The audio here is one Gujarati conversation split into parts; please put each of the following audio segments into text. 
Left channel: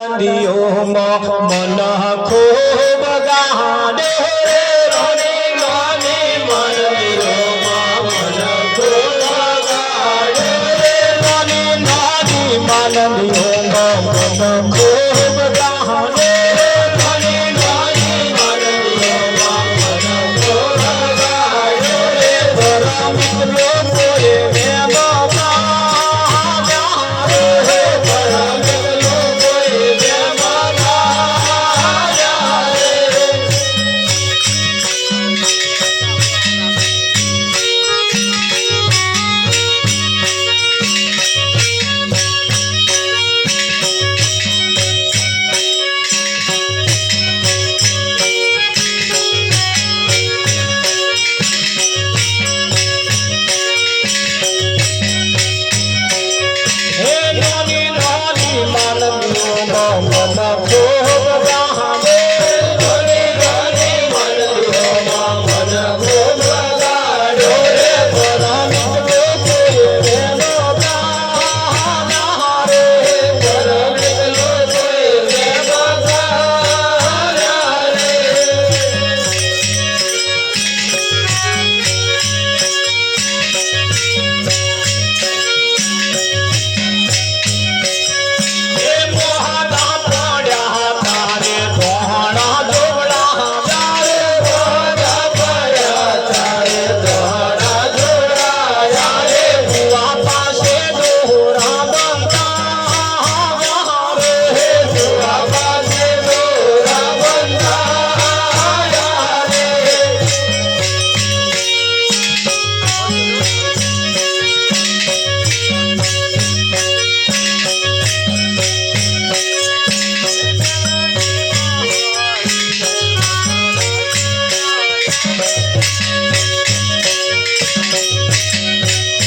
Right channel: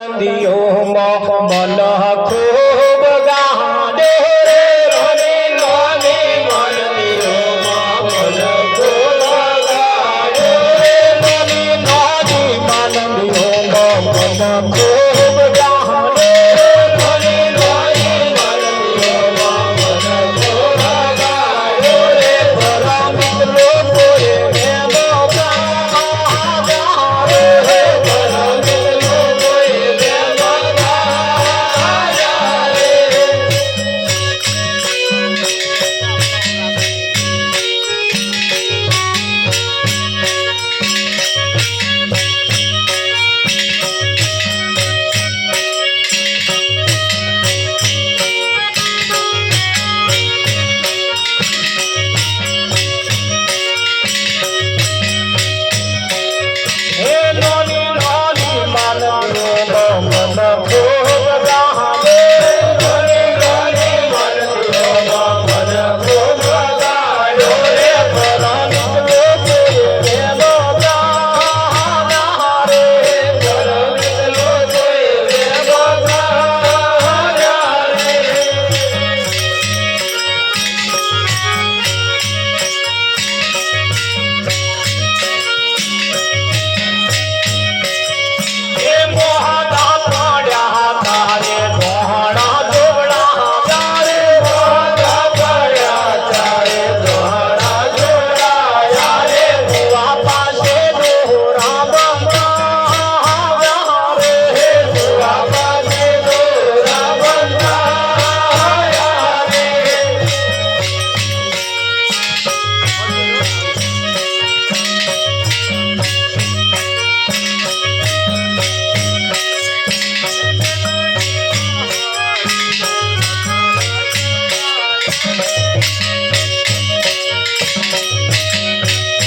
दियो मन खूब गाने रे नानी मन दियो मन खूब गाने नानी नानी मन दियो मन खूब गाने नानी नानी मन दियो मन खूब गाने रे बड़ा मिलो कोरे में बाबा रे बड़ा मिलो कोरे में बाबा हे नानी नानी मन दियो मन खूब गाने नानी नानी मन दियो मन खूब गाने रे बड़ा मिलो कोरे में बाबा रे बड़ा मिलो कोरे में बाबा हे मोहना पड़ा तारे मोहना जोड़ा तारे मोहना पड़ा तारे मोहना जोड़ा यारे हुआ पासे दोहरा बंदा रे हुआ पासे दोहरा बंदा यारे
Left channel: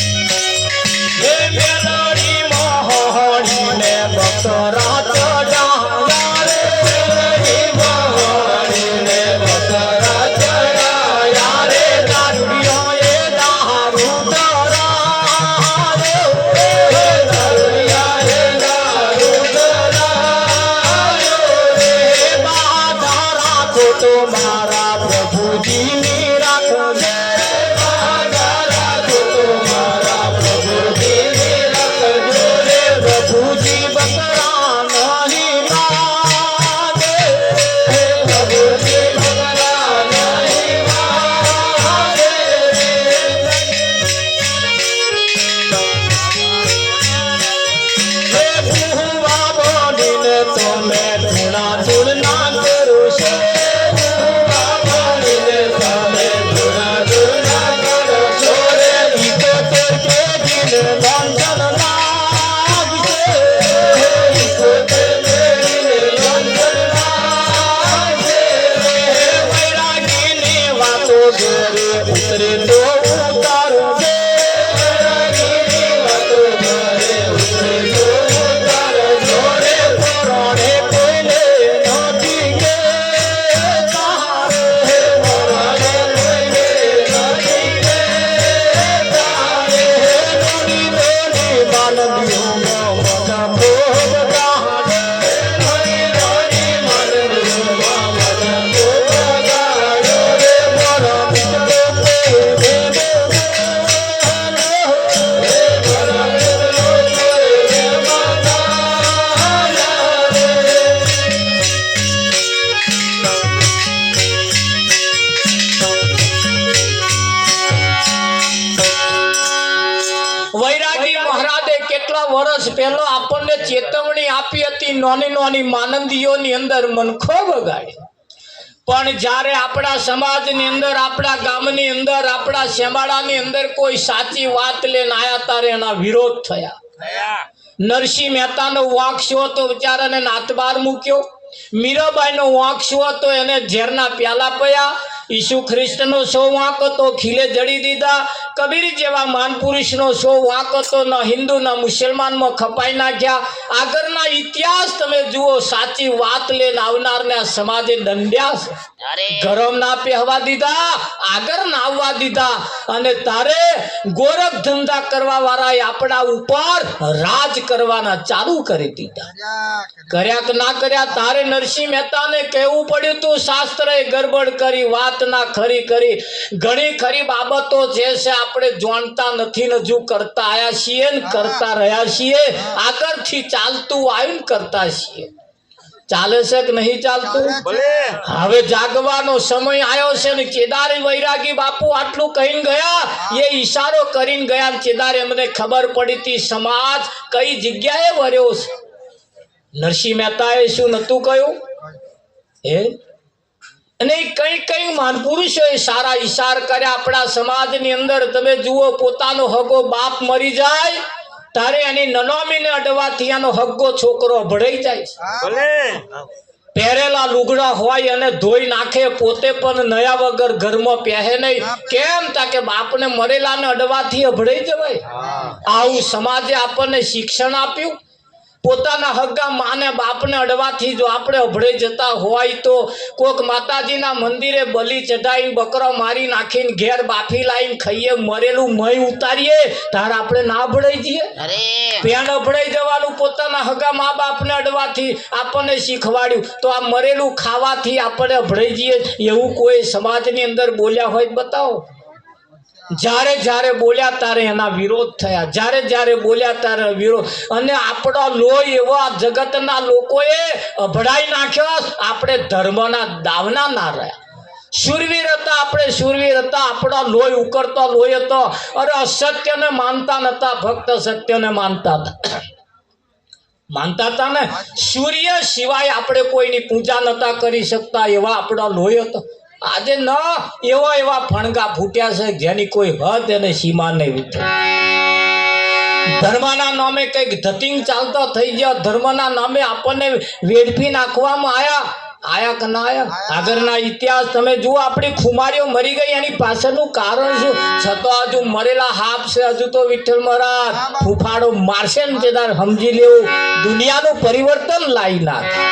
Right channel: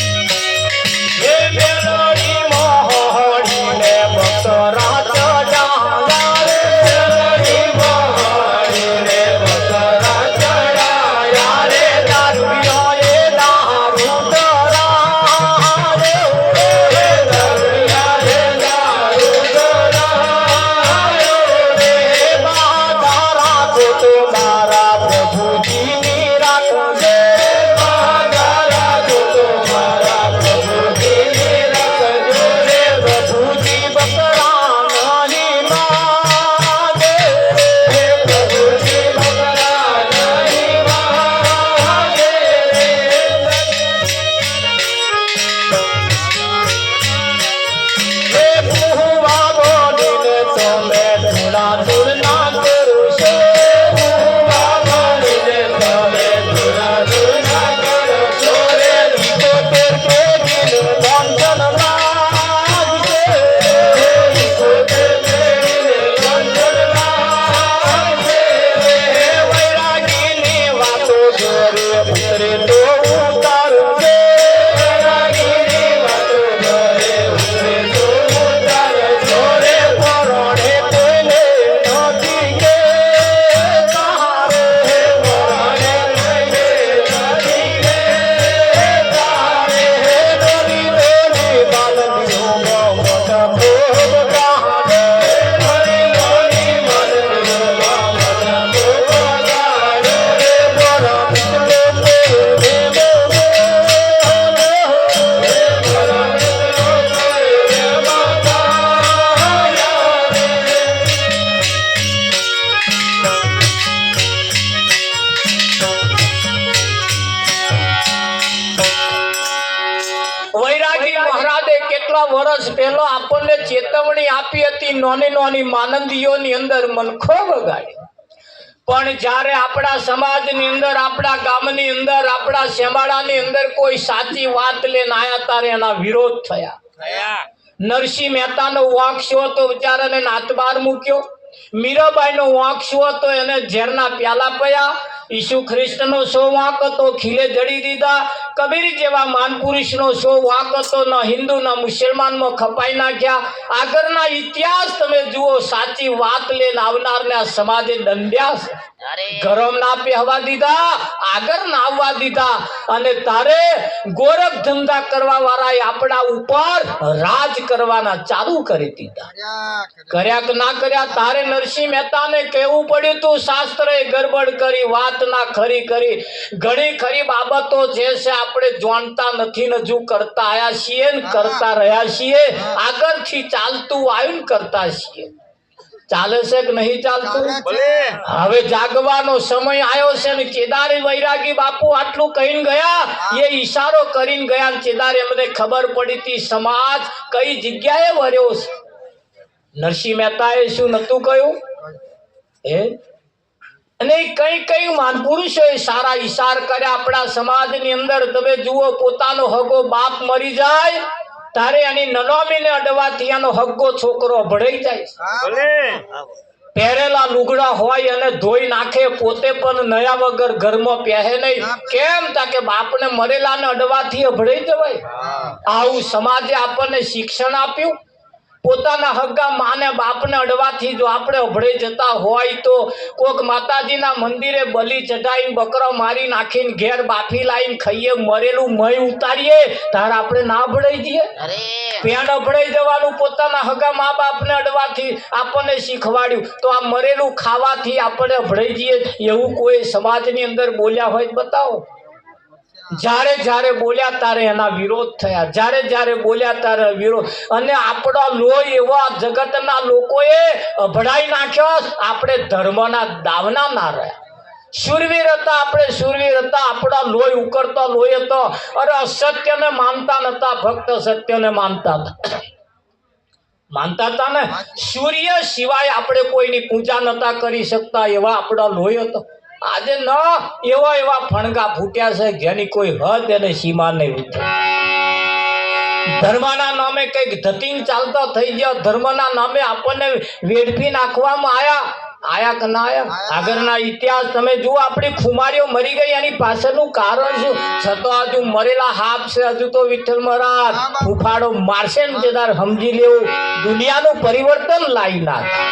हे मेलोडी मोहनी ने बकरा चढ़ा रे मेलोडी मोहनी ने बकरा चढ़ा रे दारुया ये दारू डरा रे दारुया ये दारू डरा रे बाधारा तो तुम्हारा प्रभु जी राख दे बाधारा तो तुम्हारा प्रभु जी राख दे रे प्रभु जी बकरा नहीं माने हे प्रभु जी बकरा नहीं माने हे बुआ बोलिने तुम्हें धुना धुलना करो से बुआ बोलिने तुम्हें धुना धुलना करो छोरे इको तेरे दिल बंधन लाग से इको तेरे दिल बंधन लाग से वैरागी ने वातो जोरे उतरे तो उतारो से वैरागी ने वातो जोरे उतरे तो उतारो जोरे परोड़े कोइले नदी के तारे परोड़े कोइले नदी के तारे नदी नदी बाल दियो मन खूब गाने नदी नदी मन दियो मन खूब गाने रे बड़ा मिलो कोरे में बाबा रे बड़ा मिलो कोरे में बाबा વૈરાગી મહારાજે કેટલા વર્ષ પહેલા આપણને ચેતવણી આપી હતી નાની નાની માનંદીઓની અંદર મનખો બગાડે પણ જ્યારે આપણા સમાજની અંદર આપણા ગામની અંદર આપણા શેમાડાની અંદર કોઈ સાચી વાત લઈને આયા તારે એના વિરોધ થયા નરસિંહ મહેતાનો વાંક શું હતો બિચારાને નાતબાર મૂક્યો મીરાબાઈનો વાંક શું હતો એને ઝેરના પ્યાલા પયા ઈસુ ખ્રિસ્તનો શો વાંક હતો ખીલે જડી દીધા કબીર જેવા માન પુરુષનો શો વાંક હતો, ન હિન્દુ ન મુસલમાનમાં ખપાઈ નાખ્યા. આગળના ઇતિહાસ તમે જુઓ, સાચી વાત લઈને આવનારને આ સમાજે દંડ્યા છે. ગરમ ના પહેવા દીધા, આગળ ના આવવા દીધા, અને તારે ગોરખ ધંધા કરવા વાળાએ આપણા ઉપર રાજ કરવાના ચાલુ કરી દીધા. કર્યા કે ના કર્યા, તારે નરસિંહ મહેતાને કહેવું પડ્યું તું શાસ્ત્રએ ગરબડ કરી, વાત ના ખરી કરી. ઘણી ખરી બાબતો જે છે આપણે જાણતા નથી ને હજુ કરતા આયા છીએ ને કરતા રહ્યા છીએ. આગળથી ચાલતું આવ્યું ને કરતા છીએ. ચાલે છે કે નહીં ચાલતું? હવે જાગવાનો સમય આવ્યો છે ને કેદારે વૈરાગી બાપુ આટલું કહીને ગયા, એ ઈશારો કરીને ગયા. કેદારે એમને ખબર પડી હતી સમાજ કઈ જગ્યાએ વર્યો છે. નરસિંહ મહેતાએ શું નતું કહ્યું? અને કઈ કઈ મહાપુરુષોએ સારા ઈશાર કર્યા આપણા સમાજની અંદર. તમે જુઓ, પોતાનો હગો બાપ મરી જાય તારે એની નનોમીને અડવાથી એનો હગ્ગો છોકરો ભળાઈ જાય. પહેરેલા લુગડા હોય અને ધોઈ નાખે, પોતે પણ નયા વગર ઘરમાં પહેરે નહીં. કેમ? તા કે બાપને મરેલાને અડવાથી ભળાઈ જવાય. આવું સમાજે આપણને શિક્ષણ આપ્યું. પોતાના હગ્ગા માને બાપને અડવાથી જો આપણે અભળાઈ જતા હોય તો કોક માતાજીના મંદિરે બલી ચઢાવી બકરો મારી નાખીને ઘેર બાફી લાવીને ખાઈએ, મરેલું મય ઉતારીએ, તાર આપણે ના અભળાઈ જઈએ? પેણ અભળાઈ જવાનું પોતાના હગા મા બાપને અડવાથી આપણને શીખવાડ્યું, તો આ મરેલું ખાવાથી આપણે અભળાઈ જઈએ એવું કોઈ સમાજની અંદર બોલ્યા હોય બતાવો. જ્યારે જ્યારે બોલ્યા ત્યારે એના વિરોધ થયા, જ્યારે જ્યારે બોલ્યા ત્યારે વિરોધ. અને આપણો લોહી એવા જગતના લોકોએ અભડાઈ નાખ્યો. આપણે ધર્મના દાવના ના રહ્યા. શૂરવીર હતા, આપણે શૂરવીર હતા. આપણા લોહી ઉકળતો લોહી હતો. અરે અસત્યને માનતા નતા, ફક્ત સત્યને માનતા હતા. માનતા હતા ને, સૂર્ય સિવાય આપણે કોઈની પૂજા નતા કરી શકતા, એવા આપણા લોહી હતો. આજે ન એવા એવા ફણગા ફૂટ્યા છે જેની કોઈ હદ અને સીમા નહીં ઉઠે. ધર્મના નામે કઈક ધતિંગ ચાલતો થઈ ગયો. ધર્મના નામે આપણને વેડફી નાખવામાં આયા કે ના આયા? આગળના ઇતિહાસ તમે જુઓ, આપણી ખુમારીઓ મરી ગઈ, એની પાછળનું કારણ શું? છતાં હજુ મરેલા હાફ છે. હજુ તો વિઠ્ઠલ મહારાજ ફૂફાડો મારશે ને તેદાર સમજી લેવું દુનિયાનું પરિવર્તન લાવી નાખે.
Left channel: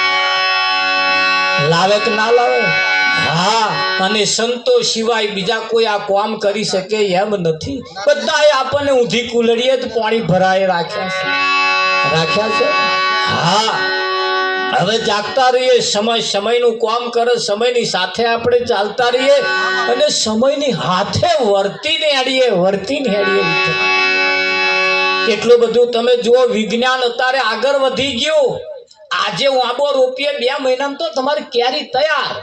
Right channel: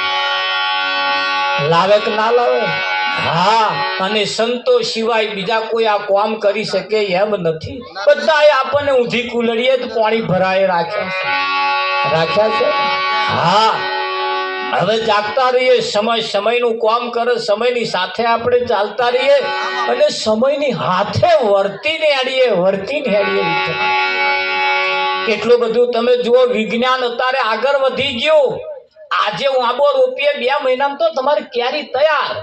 લાવે કે ના લાવે? હા. અને સંતો સિવાય બીજા કોઈ આ કામ કરી શકે એમ નથી. બધાએ આપણને ઊંધી કુલડીએ જ પાણી ભરાય રાખ્યા છે. હા, હવે જાગતા રહીએ. સમયનું કામ કરે, સમયની સાથે આપણે ચાલતા રહીએ અને સમયની હાથે વર્તીને હેડીએ. કેટલું બધું તમે જુઓ, વિજ્ઞાન અત્યારે આગળ વધી ગયું. આજે આંબો રોપીએ 2 મહિનામાં તો તમારી કેરી તૈયાર.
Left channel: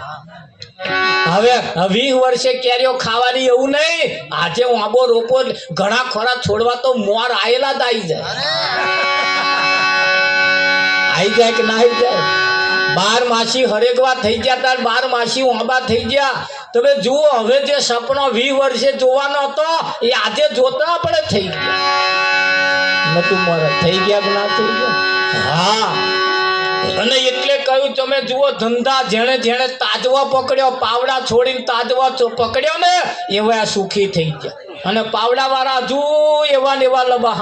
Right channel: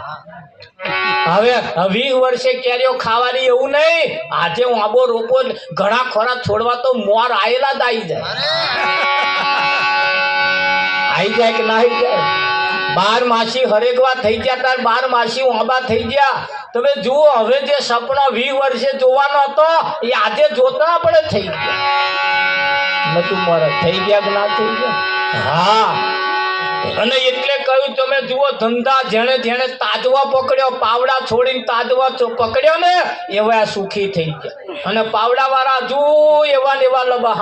હવે 20 વર્ષે કેરીઓ ખાવાની એવું નહીં. આજે આંબો રોપો, ઘણા ખોરા છોડવા તો મોર આયેલા જ આવી જાય કે ના આવી જાય? 12 માસી હરેગવા થઈ ગયા, તાર 12 માસી આંબા થઈ ગયા. તમે જુઓ, હવે જે સપનો 20 વર્ષે જોવાનો હતો એ આજે જોતા આપણે થઈ ગયા. નતું મારા થઈ ગયા કે ના થઈ ગયા? હા. અને એટલે કહ્યું, તમે જુઓ, ધંધા જેણે જેણે તાજવા પકડ્યો, પાવડા છોડીને તાજવા પકડ્યો ને, એવા સુખી થઈ ગયા. અને પાવડા વાળા હજુ એવા ને એવા લબા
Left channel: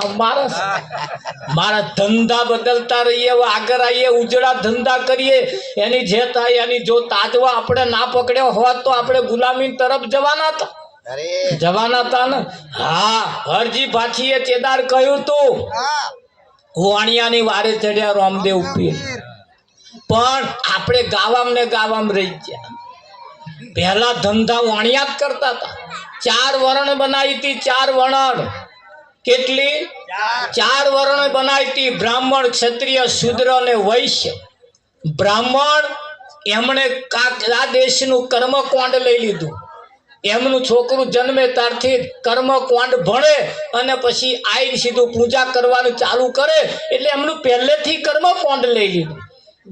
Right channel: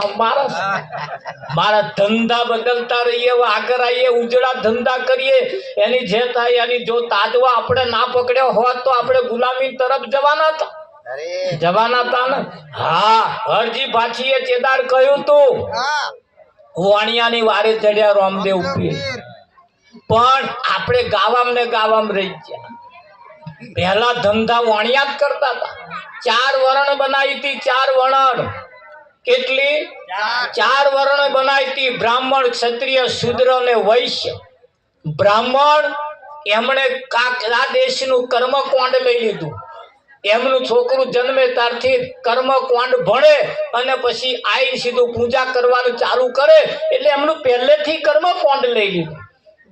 મારા ધંધા બદલતા રહીએ, આગળ આવીએ, ઉજળા ધંધા કરીએ. એની જે થાય એની. જો તાજવા આપણે ના પકડ્યો હોત તો આપણે ગુલામી તરફ જવાના હતા ને. હા, હરજી ભાછીએ ચેદાર કહ્યું તું, વાણિયાની વારે ચડ્યા રામદેવ પીર. પણ આપણે ગાવામ રહી ગયા. પહેલા ધંધા વાણિયા જ કરતા હતા. 4 વરણ બનાવી હતી. 4 વરણ. કેટલી? 4 વરણ બનાવી હતી. બ્રાહ્મણ, ક્ષત્રિય, શૂદ્ર અને વૈશ્ય. બ્રાહ્મણ એમણે આ દેશનું કર્મકાંડ લઈ લીધું. એમનું છોકરું જન્મે ત્યારથી કર્મકાંડ ભણે અને પછી આઈને સીધું પૂજા કરવાનું ચાલુ કરે. એટલે એમનું પહેલેથી કર્મકાંડ લઈ લીધું.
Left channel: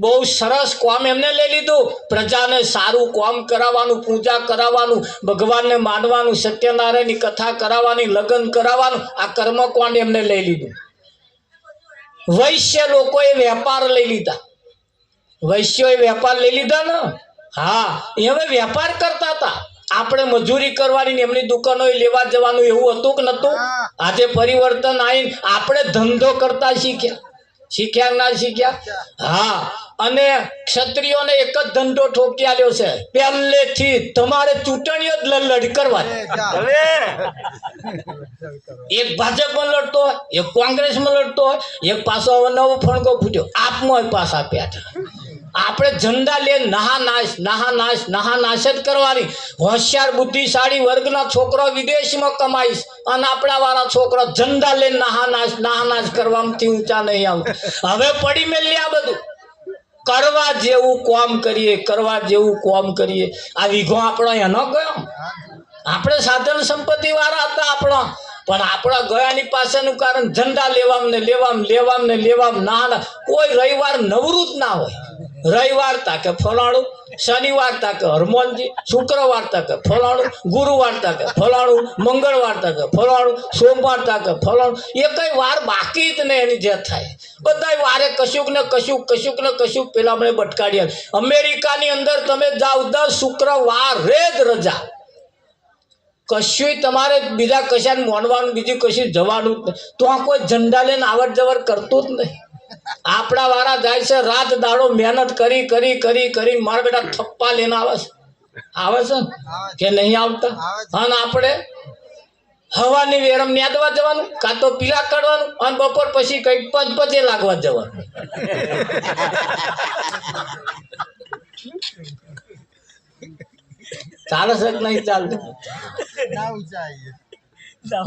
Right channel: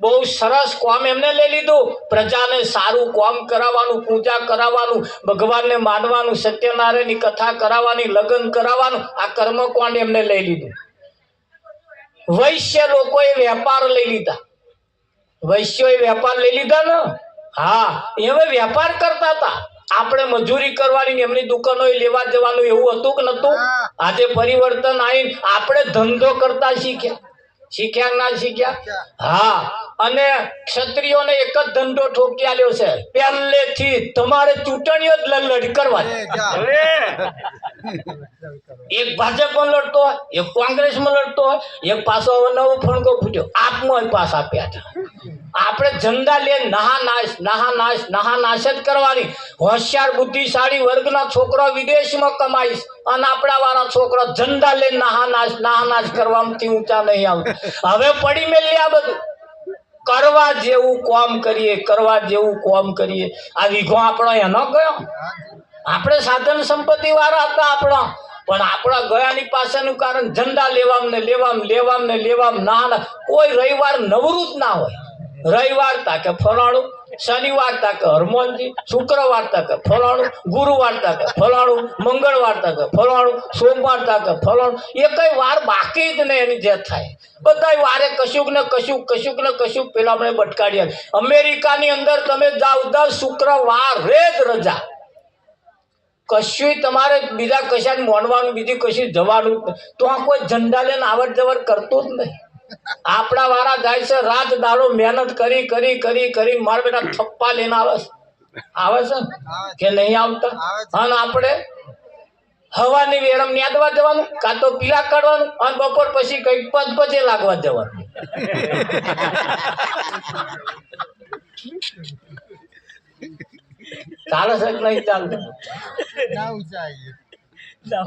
બહુ સરસ કામ એમને લઈ લીધું. પ્રજાને સારું કામ કરાવવાનું, પૂજા કરાવવાનું, ભગવાનને માનવાનું, સત્યનારાયણની કથા કરાવવાની, લગ્ન કરાવવાનું, આ કર્મકાંડ એમને લઈ લીધું. વૈશ્ય લોકોએ વેપાર લઈ લીધા. વૈશ્યોએ વેપાર લઈ લીધા ને. હા, હવે વેપાર કરતા હતા. આપણે મજૂરી કરવાની ને એમની દુકાનો લેવા જવાનું એવું હતું કે નતું? આજે પરિવર્તન આવીને આપણે ધંધો કરતા શીખ્યા ના શીખ્યા? હા. અને ક્ષત્રિયોને એક જ ધંધો ઠોકી આલ્યો છે, પહેલેથી તમારે ચૂંટણીઓ જ લડ કરવા. એક ભાજપમાં લડતો હોય, એક કોંગ્રેસમાં લડતો હોય, એક પાછો નવો ફણગો ફૂટ્યો આપમાં પાસ આપ્યા હતા. આપણે ઝંડા લે નાશ જ કરવાની. હોશિયાર બુદ્ધિશાળી વર્ગના છોકરા વિદેશમાં કમાઈશ અને આપણા વાળા છોકરા ઝંડા લે નાશ કરવાથી ઊંચા નહીં આવે. હવે પડી મેલી આ બધું. કરવા જેવું કોમ કરીએ. આ વીઘો આપણો એનો ગયો. આપણે સાધન સંપત્તિ વાળા હતા આપણા, પણ આપણા ગયાની પાછળનું કારણ ઝંડા લેવામ ના. કોઈ રવિવાર નવરું જ ના હોય. રવિવાર તાકે ફલાણું, શનિવાર તાકે હરમોનજી, શુક્રવાર તાકે ફલાણું, ગુરુવાર તાકે ફલાણું, મંગળવાર તાકે ફલાણું, સોમવાર તાકે ફલાણું. એ કઈ વાર બાકી જ નહીં એની જે થાય. બધા વારે કશુંક ને કશુંક પેલા આપણે બટકાડ્યા. અમેરિકાની અંદર તમે જાઓ 10 શુક્રવારે જ રજા. કશું તમારે બીજા કશાને મોનવાનું, બીજું કશું જવાનું તો આ કોઈ ઝંડા લઈને આવડ જવર કરતું જ નહીં. આપણા વાળા જાય છે રાત દાડો મહેનત કરી મારા બેટા થપ્પા લઈને આવે છે કે નહીં આવતા? અને આપણે હવાની વેરમ ન્યાદવા જવાનું, કાં તો પીલા કાઢવાનું, અને બપોર પછી કઈ પજે લાગવા જવાનું. ચાલે છે નહીં ચાલતું?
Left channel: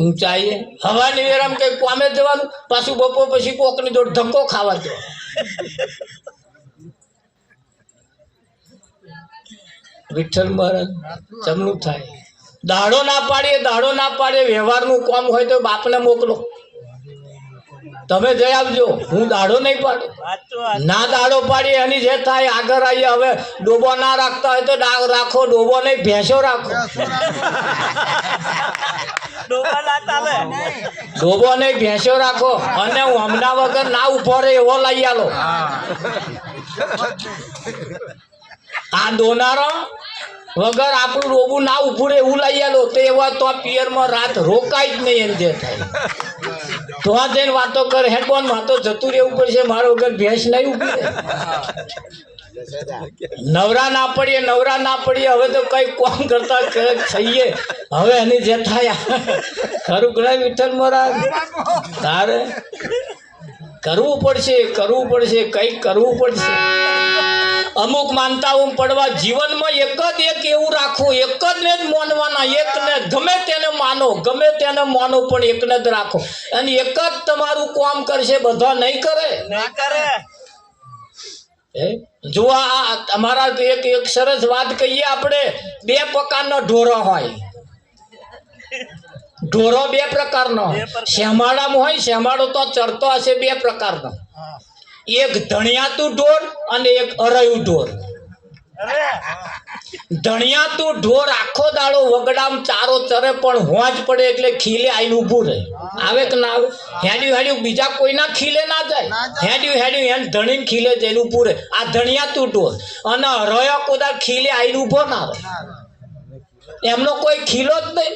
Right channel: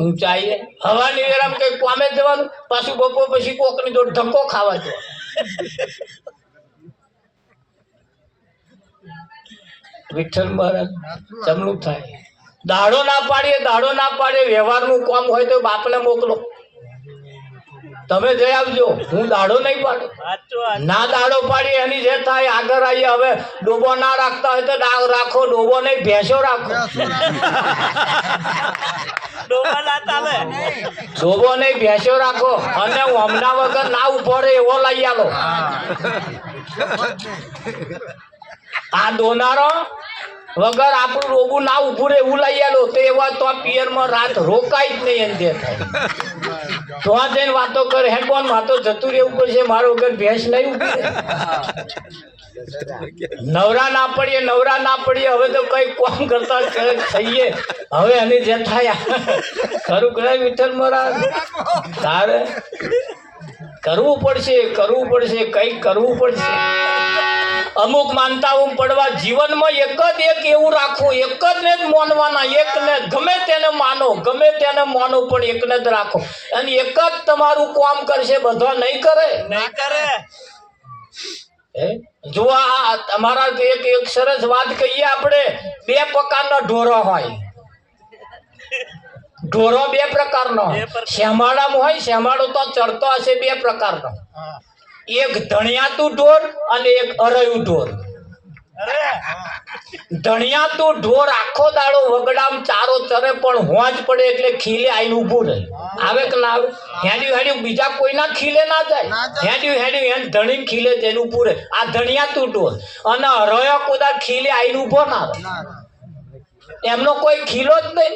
ઊંચાઈએ હવાની વેરામ કઈ પામે જવાનું, પાછું બપોર પછી કોકની જોડે ધક્કો ખાવા જવાનું. વિઠ્ઠલ મહારાજ ચમલું થાય. દાડો ના પાડીએ વ્યવહારનું કામ હોય તો બાપને મોકલો, તમે જઈ આવજો. હું દાડો નહીં પાડું. ના દાડો પાડીએ એની જે થાય આગળ આવીએ. હવે ડોબો ના રાખતા હોય તો રાખો, ડોબો નહીં ભેંસો રાખો. ડોબો નહીં ભેંસો રાખો. અને હમણાં વગર ના ઉભો રહે એવો લઈ આલો. આ દોનારો વગર આપણું ડોબું ના ઉભું રહે એવું લઈ આલો તો એવા તો પિયરમાં રાત રોકાય જ નહીં. એમ જે થાય તો જઈને વાતો કરે, હેડફોન માં તો જતું રહેવું પડશે, મારો વગર ભેંસ નહીં ઉભી રહે. નવરા ના પડીએ. હવે તો કઈ કોમ કરતા થઈએ. હવે એની જે થાય ખરું કરે વિઠ્ઠલ મહારાજ. તારે કરવું પડશે, કઈક કરવું પડશે. અમુક માનતાઓ પડવા જીવનમાં એક એવું રાખવું, એક જ ને જ માનવાના, એકને ગમે તેને માનો પણ એકને જ રાખો. અને એક જ તમારું કામ કરશે, બધા નહીં કરે. જો આ અમારા એક સરસ વાત કહીએ આપણે. 2 પ્રકારના ઢોરો હોય. ઢોરો 2 પ્રકારનો. શેમાડામાં હોય, શેમાડો તો ચરતો હશે 2 પ્રકારનો. એક ધણિયાતું ઢોર અને એક અરયું ઢોર. ધણિયાતું ઢોર આખો દાડો વગડામ ચારો ચરે, પણ હોંજ પડે એટલે ખીલે આઈને ઊભું રહે. આવે કે ના આવે? હેડ્યું બીજા કોઈના ખીલે ના જાય. હેડ્યું એને ધણીને ખીલે જઈને ઊભું રહે. આ ધણિયાતું ઢોર. અને અરયો કોદા ખીલે આઈને ઊભો ના રહે. એમનો કોઈ ખીલો જ નહીં.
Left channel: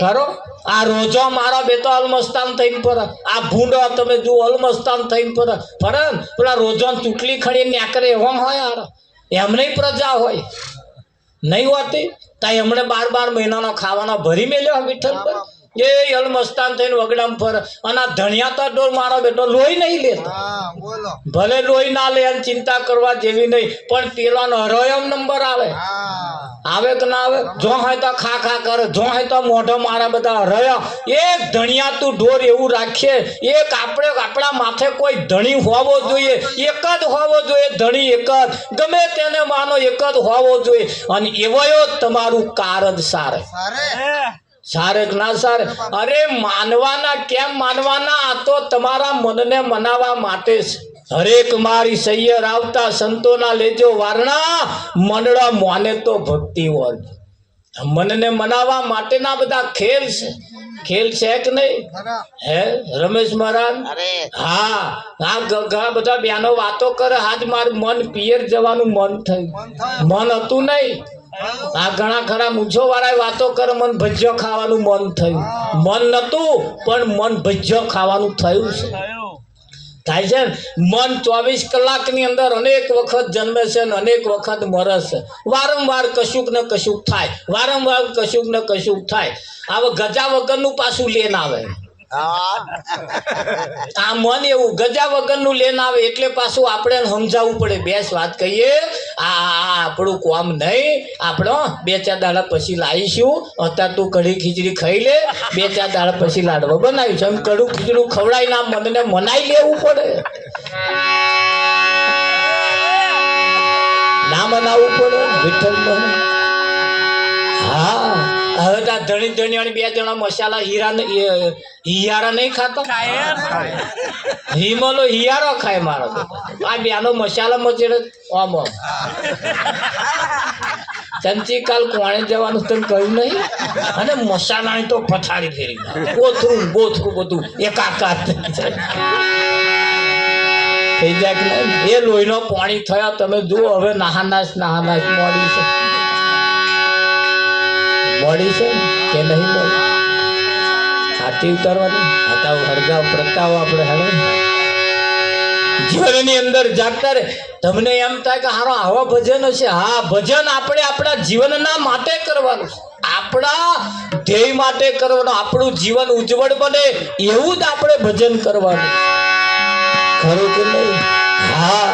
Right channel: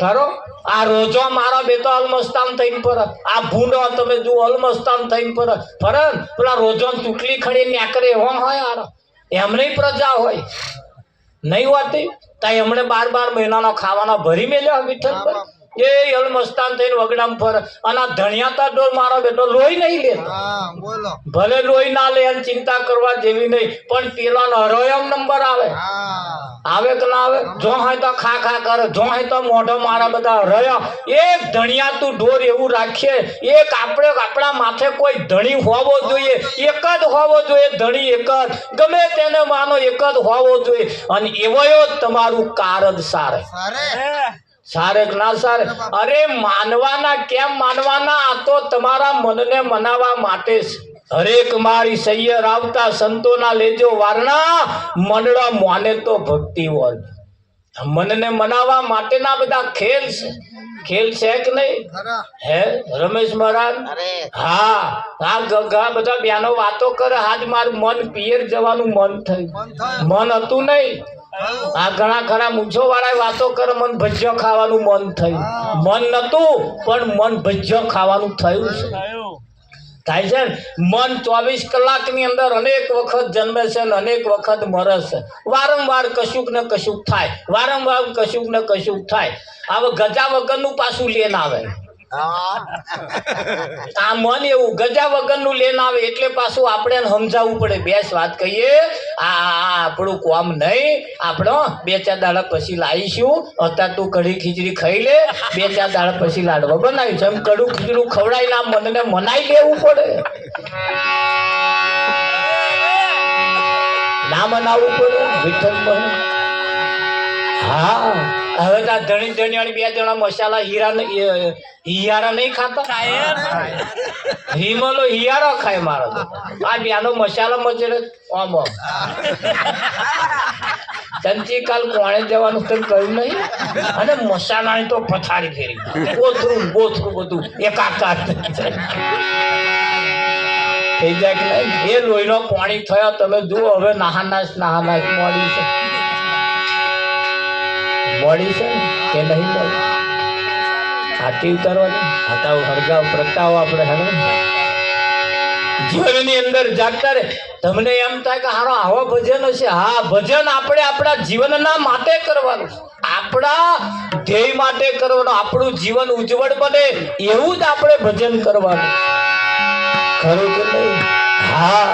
ખરો આ રોજો મારા બેટો અલમસ્તાન થઈને પર. આ ભૂંડો તમે જુઓ અલમસ્તાન થઈને પર. પેલા રોજો ચૂંટલી ખડી ન્યાકરે એવો હોય. એમને પ્રજા હોય નહીં હોતી. ત્યાં એમણે 12 મહિનાનો ખાવાના ભરી મેલ્યા વિઠ્ઠલ પર. એ અલમસ્તાન થઈને વગડામ ફરે. અને આ ધણિયાતા ડોર મારો બેટો લોહી નહીં લેતો. ભલે લોહી ના લે અને ચિંતા કરવા જેવી નહીં, પણ પેલાનો હરોયમ નંબર આવે કે ના આવે? જો હોય તો ખા કરે, જો હોય તો મોઢો મારા બધા રહ્યા. એક ધણિયાતું ઢોર એવું રાખીએ. એક આપણે આપણા માથે કોઈ ધણી હોવો જોઈએ, એક જ હોવો જોઈએ. ધણી એક જ, ગમે તેને માનો એક જ હોવો જોઈએ. અને એવો તમારું કારજ સારે કે ના સારે? અરે માનવાના કેમ માનવાના? આ તો તમારા મનને મનાવવા માટે છે. હરેક મારી સૈયર આવતા સંતોના લેજો વારણા, મંડળા મોને તો ભક્તિ વર્ગ. મનને મનાવવા માટેના બધા ખેલ છે કે નહીં? હે રમેશ મહારાજ? હા બધા બેનો વાતો કરે. આજ મારું મન પિયર જવાનું મન થયું. મન હતું નહીં. આ ઘણા ખરા મૂંછો વાળા વાતો કરે મન ભજીયો ખાવાનું મન થયું. મન નતું પણ મન ભજીયો ખાવાનું થયું છે. થાય છે ને? મન 24 કલાકની અંદર અનેક વખત જન્મે છે ને અનેક વખત મરે છે. વારંવાર કશુંક ને કશુંક થાય, વારંવાર કશુંક ને કશુંક થાય. હવે ગજા વગરનું પાછું લેન આવે. આ મન એવું ગજા વગરનું લેન આવે એટલે પાછું આપણે સમજાવવું પડે. બેસ વાત કહીએ, આ આપણું કામ નહીં, આપણો 2-4 દાડા પછી લાવીશું. અત્યારે તું કઢી ખીચડી ખાઈ લે, 2-4 દાડા પછી લાડવા બનાવીશું. એમ કડું ખીચડું ખવડાવીને આ મનને મનાઈ લેવું પડે. ના મનાવવું પડે વિઠ્ઠલ મને. હા, હવે તો ધણી ધણિયાણી 2 જણા મસાલા હિયારા નહીં ખાતા. હિમલો હિયારો ખાય મારો. આ બેનો મસાલા મચેડે આમ ચંચી કાલ કોણે જવાનું તને કહ્યું નહીં. અને મસાલાની તો પથારી ફેરી બોથરું બોથરું બધું એકાકાર થઈ જાય કે એ લોહીનો પાણી થયા. તમે જુઓ હવે નાહાનાશ મોડી છે. મોડી છે કે નહીં મોડી? આરતી ઉતારવાની આતા હળગાવ પ્રગટાવો આપણે હેડો. જીવનની અંદર જાગતા રે. તમને એમ થાય કે હારો આવા ભજન હશે. હા, ભજન આપણે આપણા જીવનના માટે કરવાનું છે, આપણા ધ્યેય માટે કરવાનું. આપણું જીવન ઉજ્જવળ બને એવું જ આપણે ભજન કરવાનું. ખરું કે નહીં? હા.